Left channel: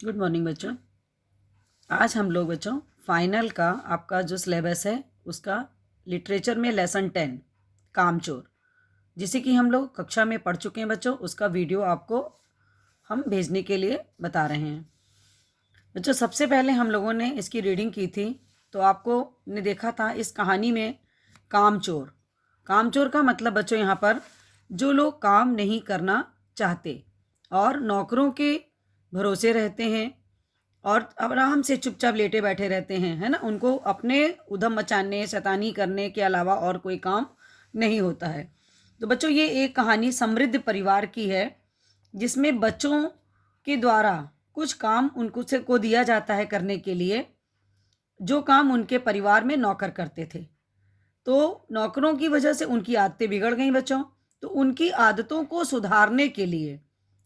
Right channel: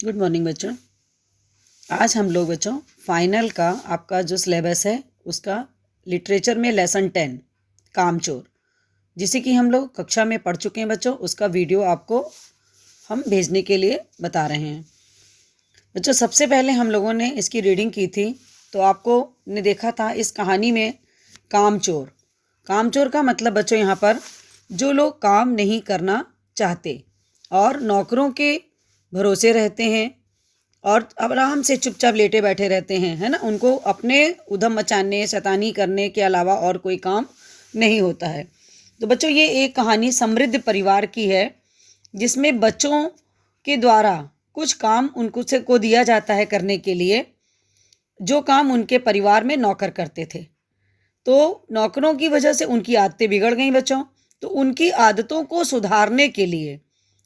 Good morning बच्चों। आज हम लोग बच्चों फाइनल का आपका जो सिलेबस है उसका लिटरेचर में लेसन 10 कामचोर, जिसे कि हम लोग कक्षा में पढ़ चुके हैं बच्चों, उसका वीडियो आपको हम भेजने के लिए बता रहे हैं बच्चों। सबसे पहले हम लोगों ने इसकी रीडिंग की थी, तो आपको ने देखा था इस कहानी में कामचोर। कामचोर का मतलब बच्चों यहाँ पर जो लोग काम नहीं करना चाहते और नौकरों के भरोसे रहते हैं और आराम से चुपचाप लेटे बैठे रहते हैं, है ना। उनको अपने उधम मचाने शैतानी करने के अलावा और कोई काम नहीं होता है। तो बच्चों ये एक कहानी समृद्ध परिवार की है, जिसमें बच्चों के द्वारा कुछ काम उनको से को दिया जाता है करने के लिए, जो काम उनके परिवार में नौकर करते थे। तो नौकरों की वजह से उनकी आदतें बिगड़ गई बच्चों। तो उनकी आदतों को सुधारने के लिए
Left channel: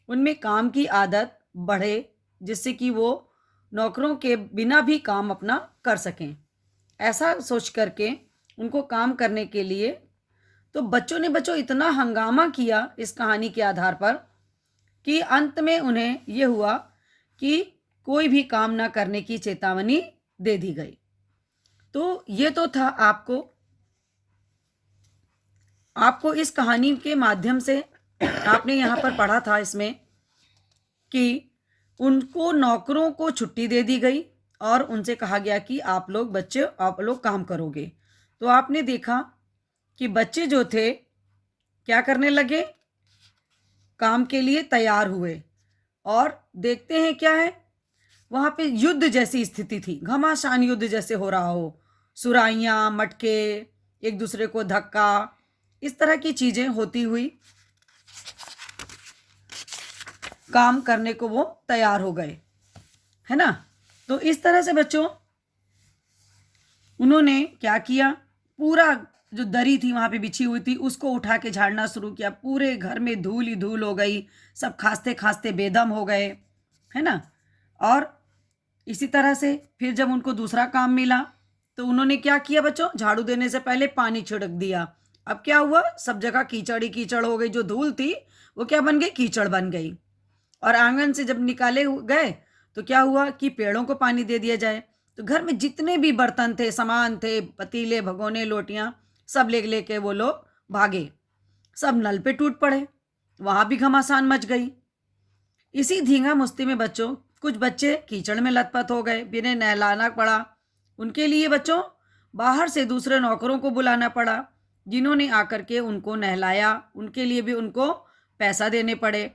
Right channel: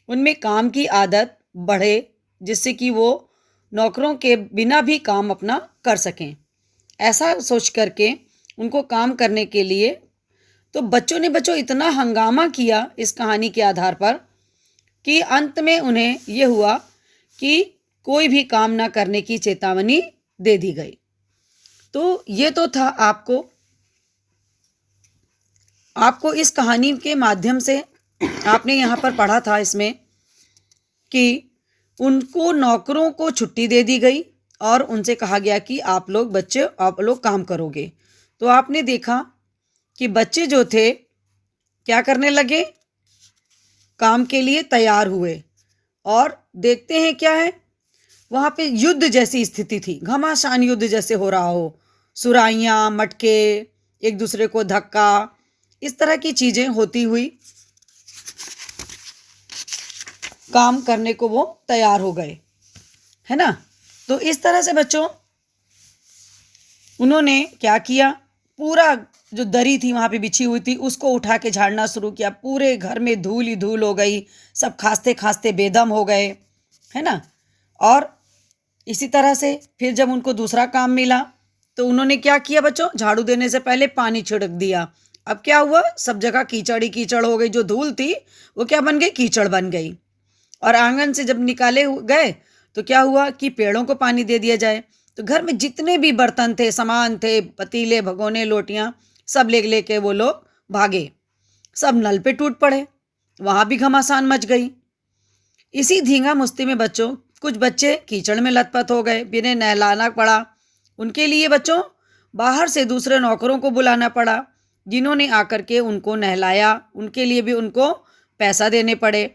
उनमें काम की आदत बढ़े, जिससे कि वो नौकरों के बिना भी काम अपना कर सकें। ऐसा सोच करके उनको काम करने के लिए तो बच्चों ने इतना हंगामा किया इस कहानी के आधार पर कि अंत में उन्हें ये हुआ कि कोई भी काम ना करने की चेतावनी दे दी गई। तो ये तो था आपको इस कहानी के माध्यम से आपने यहाँ पर पढ़ा था इसमें कि उनको नौकरों को छुट्टी दे दी गई और उनसे कहा गया कि आप लोग काम करोगे। तो आपने देखा कि बच्चे जो थे क्या करने लगे, काम के लिए तैयार हुए। और देखते हैं क्या है, वहाँ पे युद्ध जैसी स्थिति थी, घमासान युद्ध जैसे हो रहा हो, सुराइयाँ मटके एक दूसरे को धक्का, इस तरह की चीज़ें होती हुई काम करने को वो तैयार हो गए, है ना। तो इस तरह से बच्चों उन्होंने क्या किया, पूरा जो दरी थी वहाँ पे बिछी हुई थी उसको उठा के झाड़ना शुरू किया। पूरे घर में धूल ही धूल हो गई, सब खांसते खांसते बेदम हो गए, है ना। और इसी तरह से फिर जब उनको दूसरा काम मिला तो उन्होंने क्या किया बच्चों, झाड़ू देने से पहले पानी छिड़क दिया। अब क्या हुआ, सब जगह कीचड़ ही कीचड़ हो गई। जो धूल थी वो क्या बन गई, कीचड़ बन गई। और आंगन से जब निकाले गए तो क्या हुआ कि पेड़ों को पानी दे दिया जाए। तो घर में जितने भी बर्तन थे, सामान थे, पतीले भगोने लोटियाँ, सब ले लेके वो लोग भागे, सब नल पे टूट पड़े, वहाँ भी घमासान मच गई। इसी धींगा मुश्ती में बच्चों कुछ बच्चे कीचड़ में लथपथ हो गए, बिना नहलाना पड़ा। उनके लिए बच्चों बाहर से दूसरे नौकरों को बुलाना पड़ा, जिन्होंने आकर के उनको नहलाया। उनके लिए भी उनको पैसा देने पड़े,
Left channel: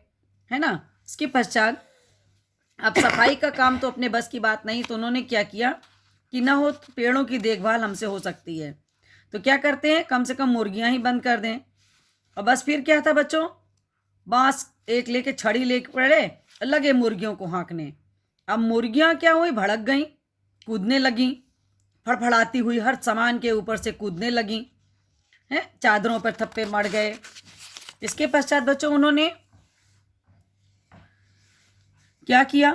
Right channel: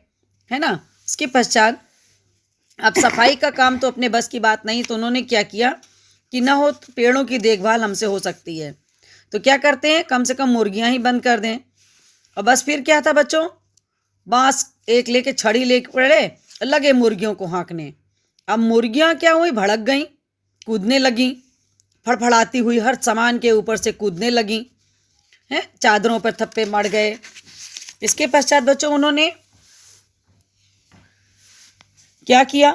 है ना। इसके पश्चात अब सफाई का काम तो अपने बस की बात नहीं, तो उन्होंने क्या किया कि ना हो पेड़ों की देखभाल हमसे हो सकती है, तो क्या करते हैं, कम से कम मुर्गियां ही बंद कर दें। और बस फिर क्या था बच्चों, बांस एक लेके छड़ी लेके पड़े, लगे मुर्गियों को हाँकने। अब मुर्गियां क्या हुई, भड़क गई, कूदने लगी, फड़फड़ाती हुई हर सामान के ऊपर से कूदने लगी, हैं, चादरों पर थप्पे मर गए। इसके पश्चात बच्चों उन्होंने क्या किया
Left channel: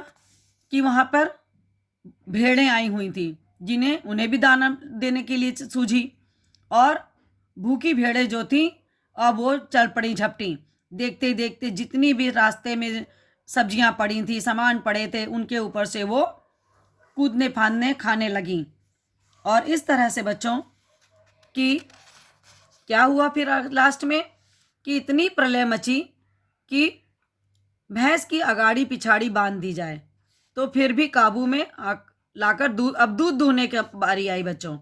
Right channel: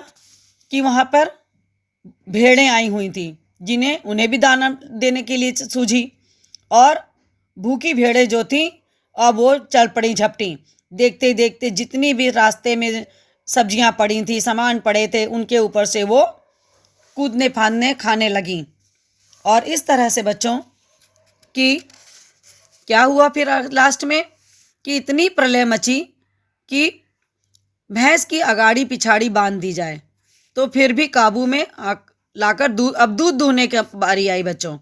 कि वहाँ पर भेड़ें आई हुई थी, जिन्हें उन्हें भी दाना देने के लिए सूझी। और भूखी भेड़ें जो थी अब वो चल पड़ी झपटी। देखते देखते जितनी भी रास्ते में सब्जियां पड़ी थी, सामान पड़े थे, उनके ऊपर से वो कूदने फांदने खाने लगी। और इस तरह से बच्चों कि क्या हुआ फिर लास्ट में कि इतनी प्रलय मची कि भैंस की अगाड़ी पिछाड़ी बांध दी जाए तो फिर भी काबू में लाकर अब दूध दूहने की बारी आई बच्चों।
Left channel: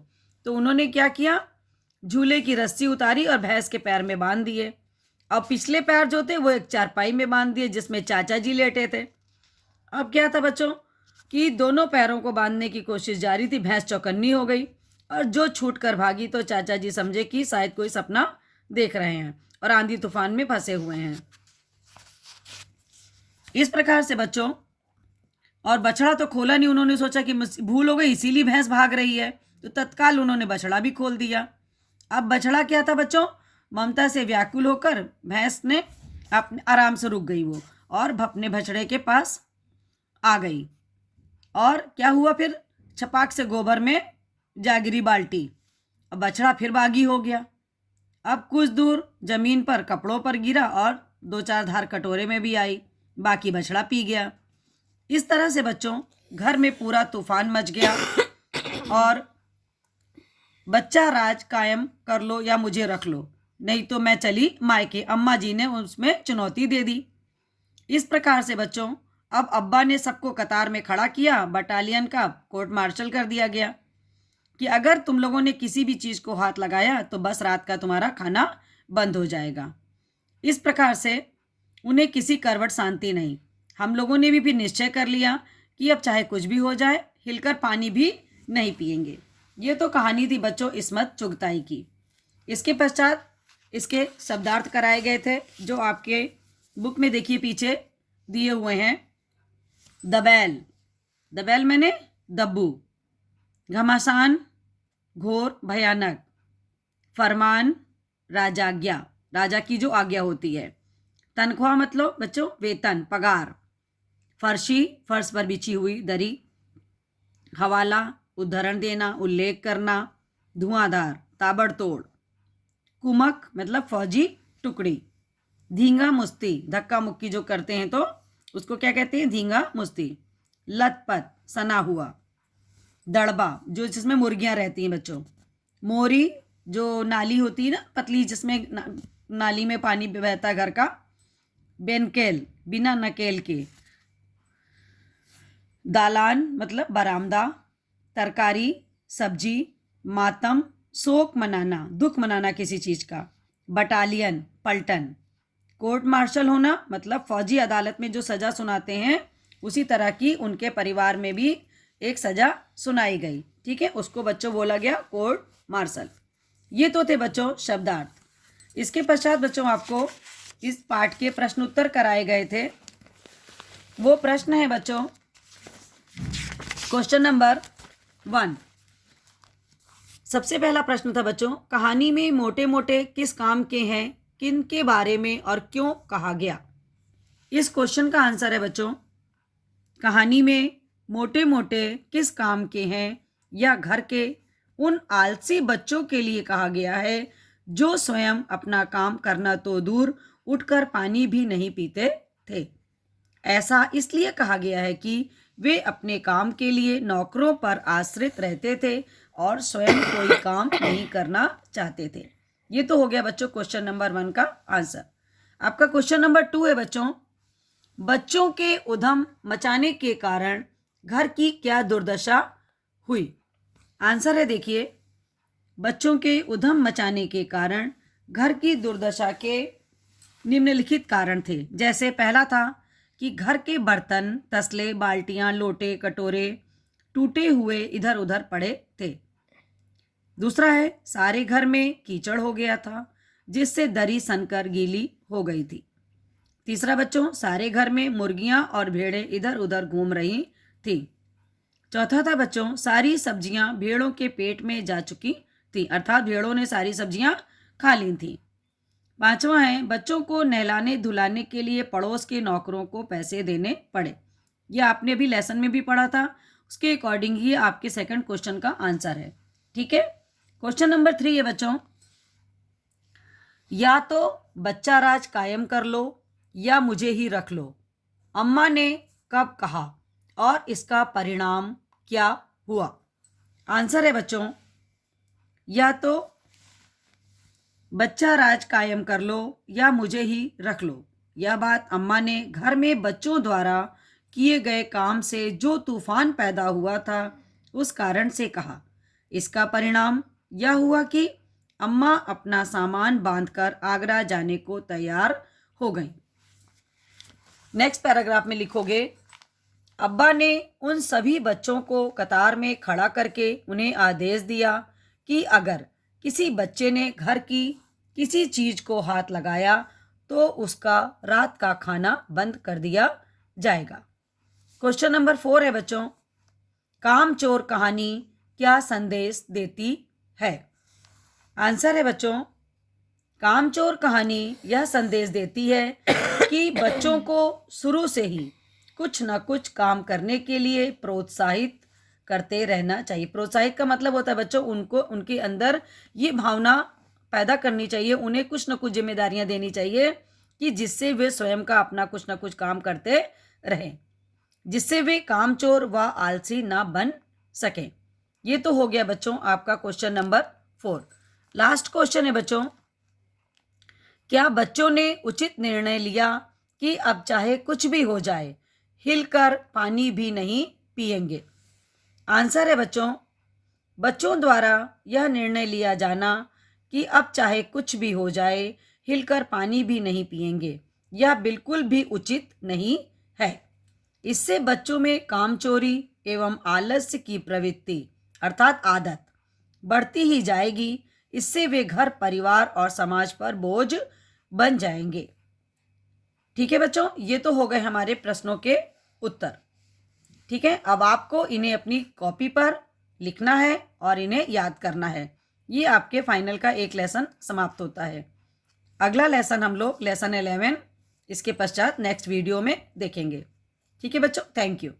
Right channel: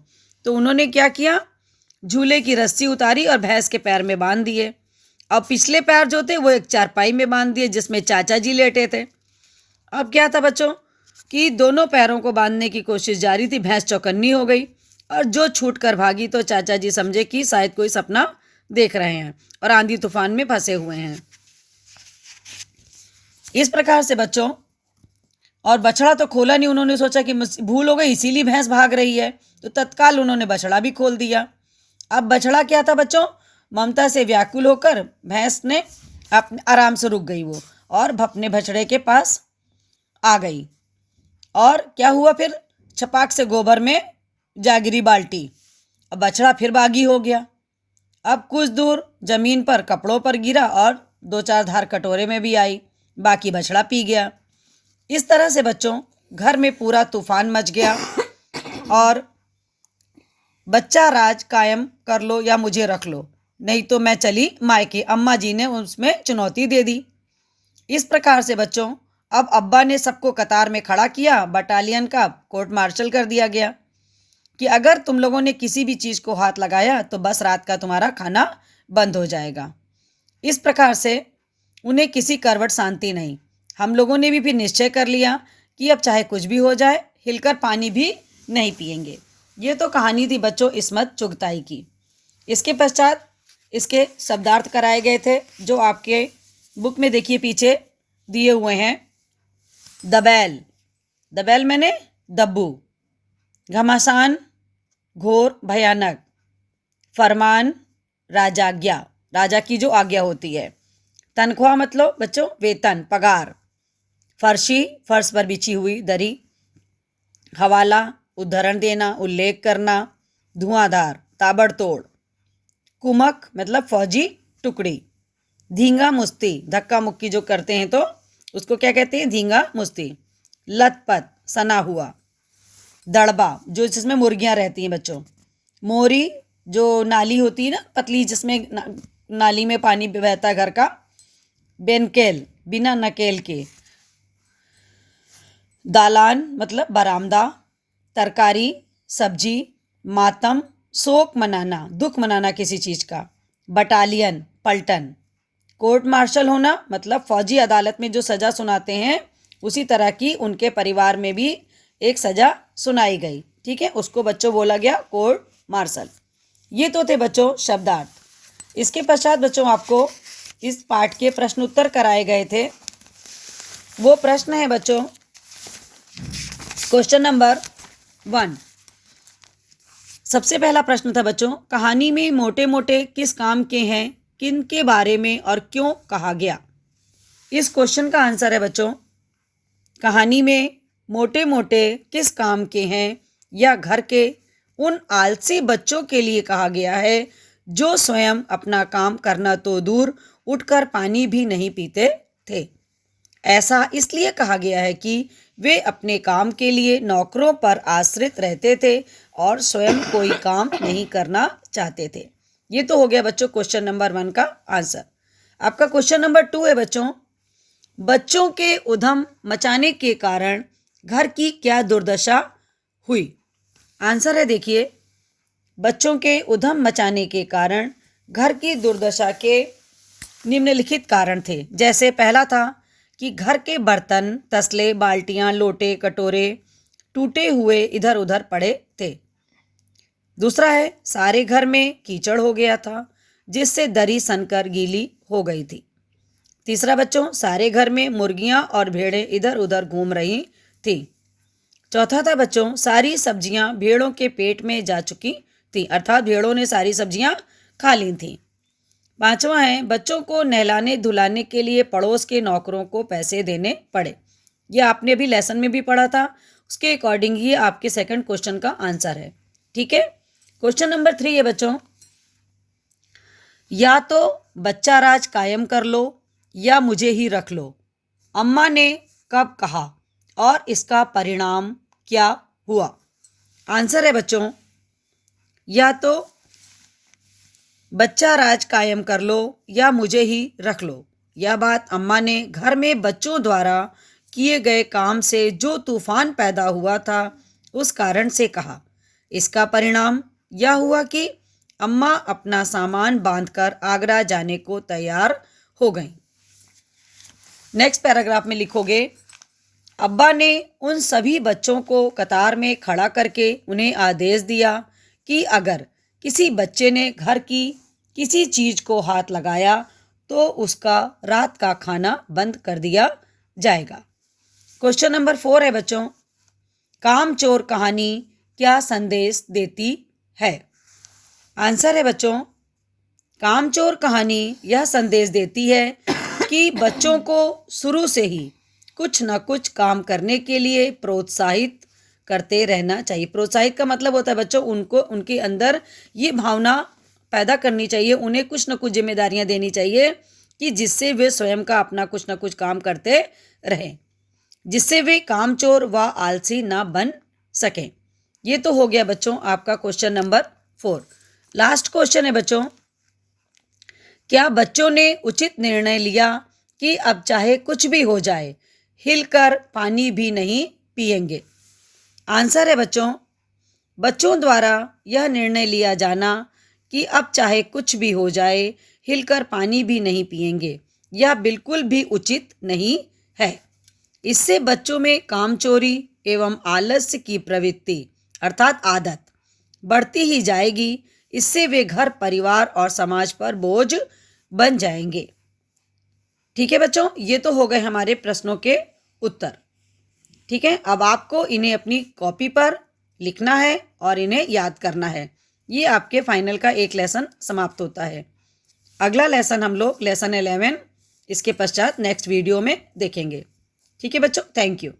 तो उन्होंने क्या किया, झूले की रस्सी उतारी और भैंस के पैर में बांध दिए। अब पिछले पैर जो थे वो एक चारपाई में बांध दिए, जिसमें चाचा जी लेटे थे। अब क्या था बच्चों कि दोनों पैरों को बांधने की कोशिश जारी थी। भैंस चौकन्नी हो गई और जो छूट कर भागी तो चाचा जी समझे कि शायद कोई सपना देख रहे हैं और आंधी तूफान में फंसे हुए हैं। इस प्रकार से बच्चों, और बछड़ा तो खोला नहीं, उन्होंने सोचा कि भूल हो गई इसीलिए भैंस भाग रही है, तो तत्काल उन्होंने बछड़ा भी खोल दिया। अब बछड़ा क्या था बच्चों, ममता से व्याकुल होकर भैंस ने अपने आराम से रुक गई वो, और अपने बछड़े के पास आ गई। और क्या हुआ फिर, छपाक से गोबर में जा गिरी बाल्टी। अब बछड़ा फिर बागी हो गया। अब कुछ दूर जमीन पर कपड़ों पर गिरा और 2-4 धार कटोरे में भी आई, बाकी बछड़ा पी गया। इस तरह से बच्चों घर में पूरा तूफान मच गया और बच्चा राज कायम कर लो या मुझे रख लो, नहीं तो मैं चली मायके, अम्मा जी ने उसमें चुनौती दे दी। इस प्रकार से बच्चों अब अब्बा ने सबको कतार में खड़ा किया, बटालियन का कोर्ट मार्शल कर दिया गया कि अगर तुम लोगों ने किसी भी चीज़ को हाथ लगाया तो बस रात का तुम्हारा खाना बंद हो जाएगा। इस प्रकार से उन्हें किसी करवट शांति नहीं। हम लोगों ने भी फिर निश्चय कर लिया कि अब चाहे कुछ भी हो जाए हिलकर पानी भी नहीं पिएंगे। ये तो कहानी थी बच्चों इस्मत चुगताई की। इसके पश्चात इसके शब्दार्थ कराए गए थे जो आपके बुक में देखिए पीछे दिए हुए हैं। दबैल, दबैल मैंने दब्बू, घमासान घोर भयानक, फरमान राजाज्ञा, राजा की जो आज्ञा होती है, तनख्वाह मतलब बच्चों वेतन पगार, फर्शी फर्श पर बिछी हुई दरी, हवाला उद्धरण देना उल्लेख करना, धुआंधार ताबड़तोड़, कुमक मतलब फौजी टुकड़ी, धींगा मुस्ती धक्का मुक्की जो करते हैं तो उसको क्या कहते हैं धींगा मुस्ती, लथपथ सना हुआ, दड़बा जो जिसमें मुर्गियां रहती हैं बच्चों, मोरी जो नाली होती है ना पतली जिसमें नाली में पानी बहता है घर का, बेनकेल बिना नकेल के, दालान मतलब बरामदा, तरकारी सब्जी, मातम शोक मनाना दुख मनाना किसी चीज़ का, बटालियन पलटन, कोर्ट मार्शल होना मतलब फौजी अदालत में जो सज़ा सुनाते हैं उसी तरह की उनके परिवार में भी एक सज़ा सुनाई गई। ठीक है, उसको बच्चों बोला गया कोर्ट मार्शल। ये तो थे बच्चों शब्दार्थ। इसके पश्चात बच्चों आपको इस पाठ के प्रश्न उत्तर कराए गए थे। वो प्रश्न है बच्चों क्वेश्चन नंबर 1। सबसे पहला प्रश्न था बच्चों, कहानी में मोटे मोटे किस काम के हैं, किन के बारे में और क्यों कहा गया। इस क्वेश्चन का आंसर है बच्चों, कहानी में मोटे मोटे किस काम के हैं या घर के उन आलसी बच्चों के लिए कहा गया है जो स्वयं अपना काम करना तो दूर उठकर पानी भी नहीं पीते थे। ऐसा इसलिए कहा गया है कि वे अपने काम के लिए नौकरों पर आश्रित रहते थे और स्वयं कोई काम नहीं करना चाहते थे। ये तो हो गया बच्चों क्वेश्चन नंबर 1 का आंसर। आपका क्वेश्चन नंबर 2 है बच्चों, बच्चों के उधम मचाने के कारण घर की क्या दुर्दशा हुई। आंसर है देखिए, बच्चों के उधम मचाने के कारण घर की दुर्दशा के निम्नलिखित कारण थे। जैसे पहला था कि घर के बर्तन तसले बाल्टियां लोटे कटोरे टूटे हुए इधर उधर पड़े थे। दूसरा है सारे घर में कीचड़ हो गया था जिससे दरी सनकर गीली हो गई थी। तीसरा बच्चों, सारे घर में मुर्गियां और भेड़ें इधर उधर घूम रही थी। चौथा था बच्चों, सारी सब्जियां भेड़ों के पेट में जा चुकी थी, अर्थात भेड़ों ने सारी सब्जियां खा ली थी। पांचवा है बच्चों को नहलाने धुलाने के लिए पड़ोस के नौकरों को पैसे देने पड़े। यह आपने भी लेसन में भी पढ़ा था, उसके अकॉर्डिंग ही आपके सेकंड क्वेश्चन का आंसर है। ठीक है, क्वेश्चन नंबर 3 है बच्चों, या तो बच्चा राज कायम कर लो या मुझे ही रख लो, अम्मा ने कब कहा और इसका परिणाम क्या हुआ। आंसर है बच्चों, या तो बच्चा राज कायम कर लो या मुझे ही रख लो। यह बात अम्मा ने घर में बच्चों द्वारा किए गए काम से जो तूफान पैदा हुआ था उस कारण से कहा। इसका परिणाम यह हुआ कि अम्मा अपना सामान बांधकर आगरा जाने को तैयार हो गईं। नेक्स्ट पैराग्राफ में लिखोगे, अब्बा ने उन सभी बच्चों को कतार में खड़ा करके उन्हें आदेश दिया कि अगर किसी बच्चे ने घर की किसी चीज़ को हाथ लगाया तो उसका रात का खाना बंद कर दिया जाएगा। क्वेश्चन नंबर 4 है बच्चों, कामचोर कहानी क्या संदेश देती है। आंसर है बच्चों, कामचोर कहानी यह संदेश देती है कि बच्चों को शुरू से ही कुछ न कुछ काम करने के लिए प्रोत्साहित करते रहना चाहिए। प्रोत्साहित का मतलब होता है बच्चों उनको उनके अंदर ये भावना पैदा करनी चाहिए, उन्हें कुछ न कुछ जिम्मेदारियां देनी चाहिए कि जिससे वे स्वयं का अपना कुछ न कुछ काम करते रहें। जिससे वे कामचोर व आलसी ना बन सकें। ये तो हो गया बच्चों आपका क्वेश्चन नंबर 4। लास्ट क्वेश्चन है बच्चों, क्या बच्चों ने उचित निर्णय लिया कि अब चाहे कुछ भी हो जाए हिलकर पानी भी नहीं पिएंगे? आंसर है बच्चों, बच्चों द्वारा यह निर्णय लिया जाना कि अब चाहे कुछ भी हो जाए हिलकर पानी भी नहीं पिएंगे, यह बिल्कुल भी उचित नहीं है। इससे बच्चों में कामचोरी एवं आलस्य की प्रवृत्ति अर्थात आदत बढ़ती ही जाएगी। इससे वे घर, परिवार और समाज पर बोझ बन जाएंगे। ठीक है बच्चों, ये तो हो गए हमारे प्रश्नों के उत्तर। ठीक है, अब आपको इन्हें अपनी कॉपी पर लिखना है और इन्हें याद करना है। ये आपके फाइनल का एक लेसन समाप्त होता है। अगला लेसन हम लोग लेसन 11 इसके पश्चात नेक्स्ट वीडियो में देखेंगे। ठीक है बच्चों, थैंक यू।